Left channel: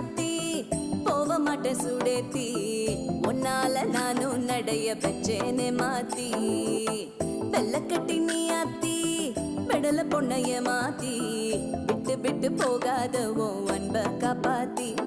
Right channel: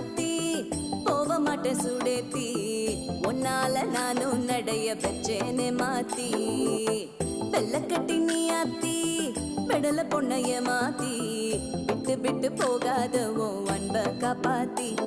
ஆத்தி போக மாட்டேன் சுடேத்தி உன்னால நானும் நடைய பெற்றேனே மாத்தி வெள்ளக்கட்டி நீ ஆத்தி பெடல பொண்ணைய மாத்தி விட்டு விட்டு போகாத உன் அன்ப காப்பாத்தி